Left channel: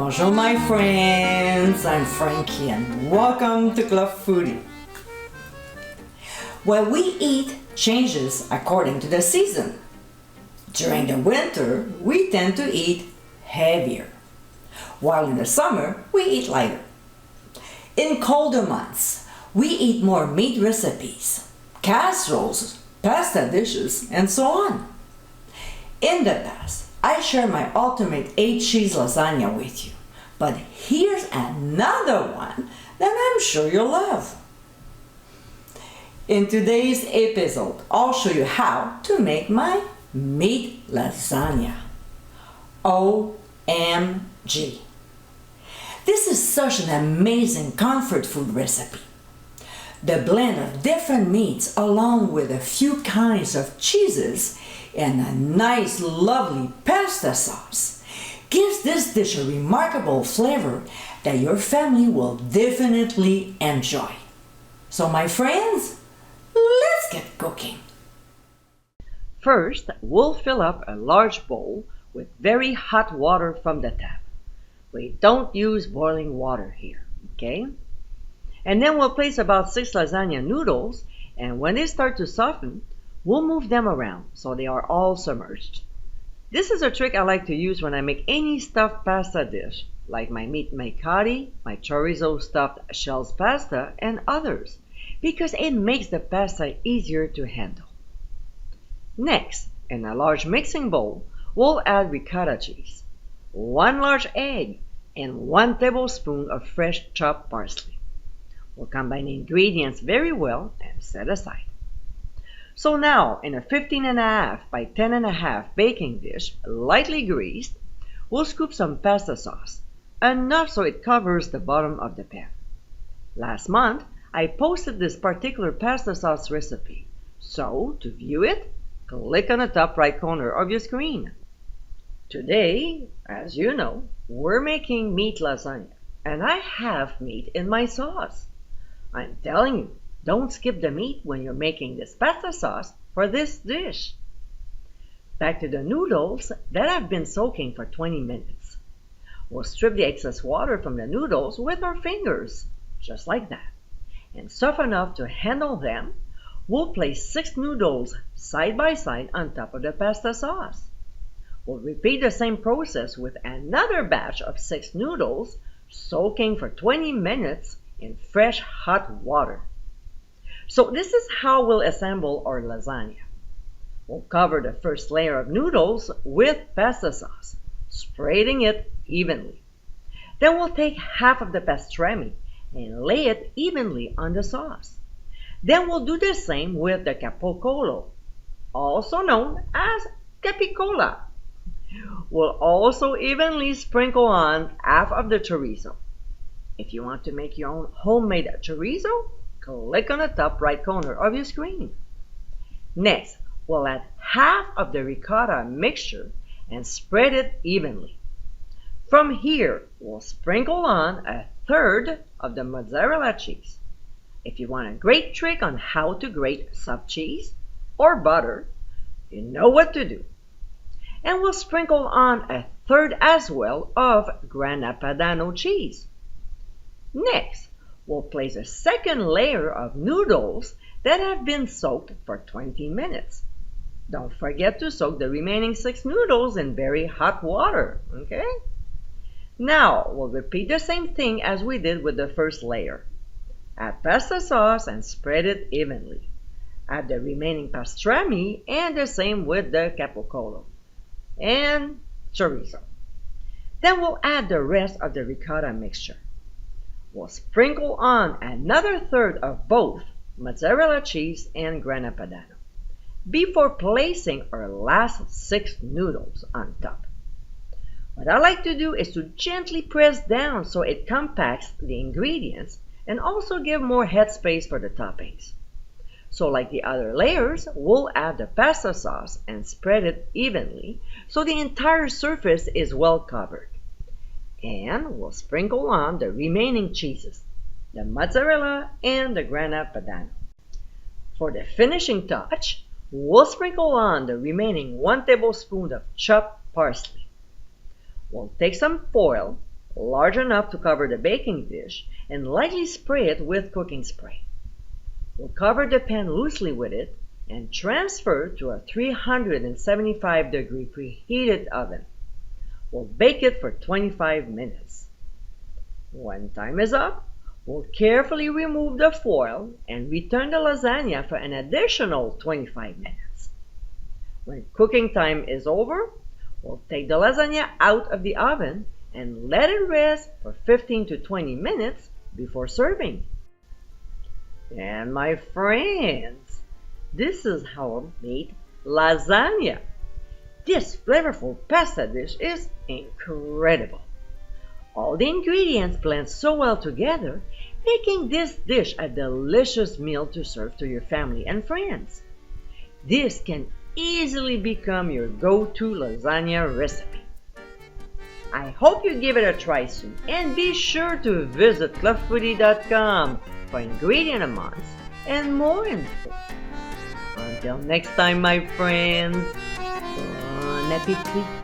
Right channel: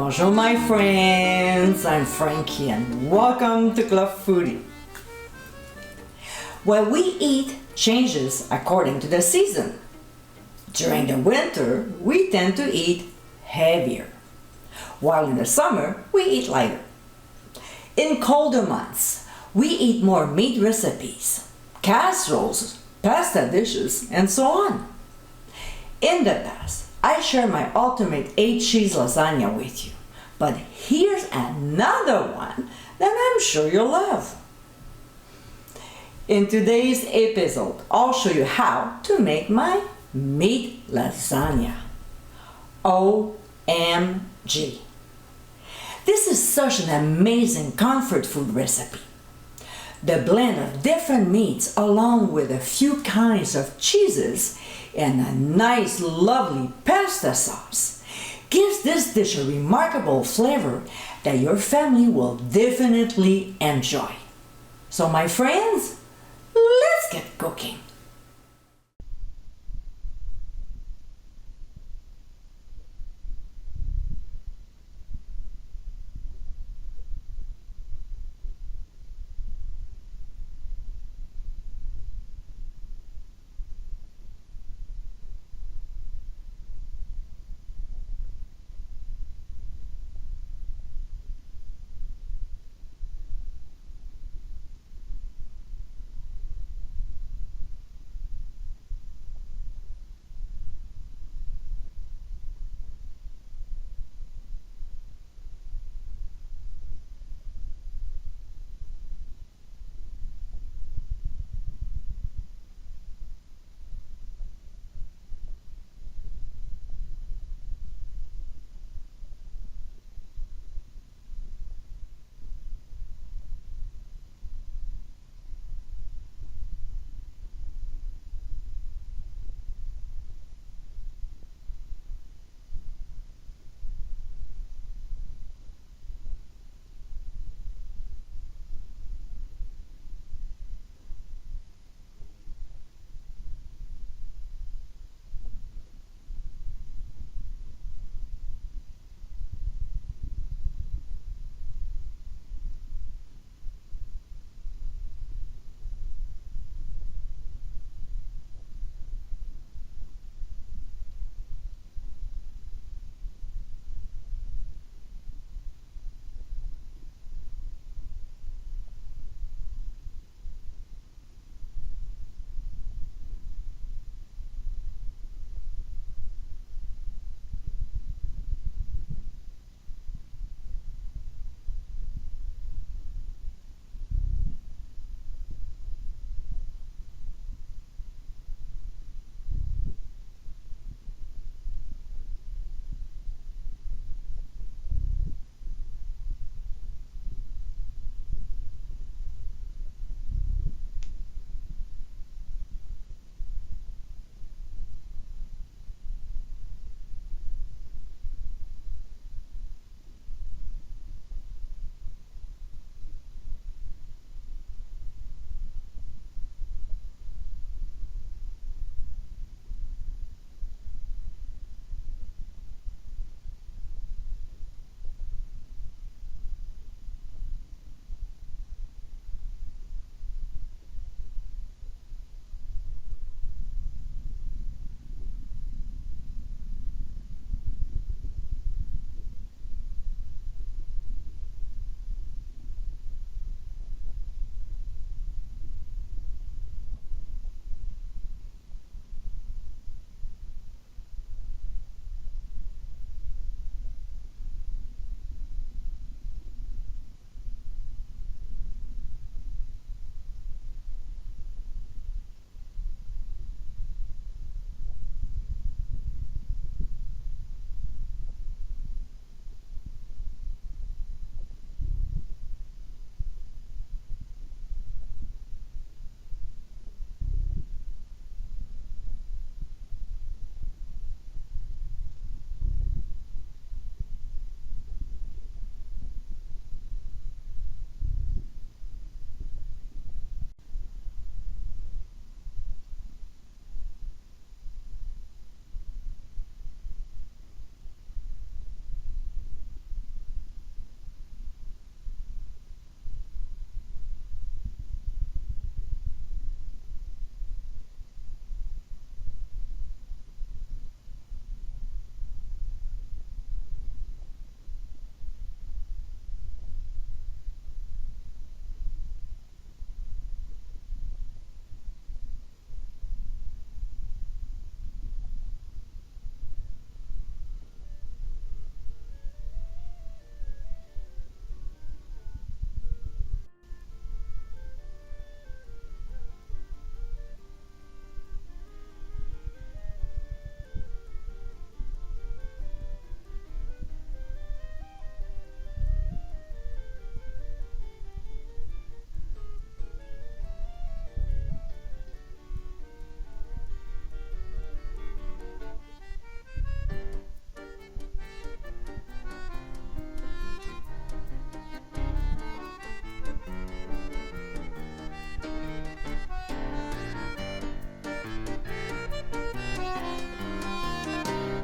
Bonjour my friends, I'm Frankie and welcome to Club Foodie. What we eat changes according to the season. During the winter, we tend to eat heavier, while in the summer, we eat lighter. In colder months, we eat more meat recipes, casseroles, pasta dishes, and so on. In the past, I shared my ultimate 8-cheese lasagna with you, but here's another one that I'm sure you'll love. In today's episode, I'll show you how to make my meat lasagna. OMG! This is such an amazing comfort food recipe. The blend of different meats along with a few kinds of cheeses and a nice lovely pasta sauce gives this dish a remarkable flavor that your family will definitely enjoy. So my friends, let's get cooking. First, we'll fill up a large bowl with very hot water from the tap. We don't use boiling water here, okay? And then we'll place about 6 lasagna noodles, and when they start to soften, we'll move them around so they are all submerged. This is a trick I like to use when I make any stuffed pasta dish, like my meat manicotti, my chorizo stuffed shells pasta, and others, because it makes the pasta easier to handle. Next, in a large mixing bowl, we'll add ricotta cheese, 1 large egg, and 1 tablespoon of fresh chopped parsley. We'll combine the ingredients very well and set aside. So now, in a 15.5 by 10.5 baking dish, lightly greased, we'll scoop some pasta sauce, enough so it covers the bottom of the pan. Last month, I posted this particular pasta sauce recipe, so to view it, click on the top right corner of your screen. Today, as you know, we're making meat lasagna, and I have meat in my sauce. I'm telling you, don't skip the meat when you're making this pasta sauce for this dish. Back to the noodles that have been soaking for 20 minutes. We'll strip the excess water from the noodles with our fingers, just like that. And soft enough to handle them, we'll place 6 noodles side by side on top of the pasta sauce. We'll repeat the same process with another batch of 6 noodles soaking for 20 minutes in fresh hot water. So this is how we'll assemble our lasagna. We'll cover the first layer of noodles with pasta sauce, spreading it evenly. Then we'll take half of the pastrami and lay it evenly on the sauce. Then we'll do the same with the capocolo, also known as capicola. We'll also evenly sprinkle on half of the chorizo. If you want to make your own homemade chorizo, click on the top right corner of your screen. Next, we'll add half of the ricotta mixture and spread it evenly. From here, we'll sprinkle on 1/3 of the mozzarella cheese. If you want a great trick on how to grate soft cheese or butter, you know what to do. And we'll sprinkle on 1/3 as well of grana padano cheese. Next, we'll place a second layer of noodles that have been soaked for 20 minutes. Don't forget to soak the remaining 6 noodles in very hot water, okay? Now, we'll repeat the same thing as we did with the first layer. Add pasta sauce and spread it evenly. Add the remaining pastrami and the same with the capocolo and chorizo. Then we'll add the rest of the ricotta mixture. We'll sprinkle on another 1/3 of both mozzarella cheese and grana padano before placing our last 6 noodles on top. What I like to do is to gently press down so it compacts the ingredients and also give more headspace for the toppings. So like the other layers, we'll add the pasta sauce and spread it evenly so the entire surface is well covered. And we'll sprinkle on the remaining cheeses, the mozzarella and the grana padano. For the finishing touch, we'll sprinkle on the remaining 1 tablespoon of chopped parsley. We'll take some foil large enough to cover the baking dish, and lightly spray it with cooking spray. We'll cover the pan loosely with it and transfer to a 375-degree preheated oven. We'll bake it for 25 minutes. When time is up, we'll carefully remove the foil and return the lasagna for an additional 25 minutes. When cooking time is over, we'll take the lasagna out of the oven and let it rest for 15 to 20 minutes before serving. And my friends, this is how I made lasagna. This flavorful pasta dish is incredible. All the ingredients blend so well together, making this dish a delicious meal to serve to your family and friends. This can easily become your go-to lasagna recipe. I hope you give it a try soon, and be sure to visit clubfoodie.com for ingredient amounts and more info. Until next time, my friends, bon appétit!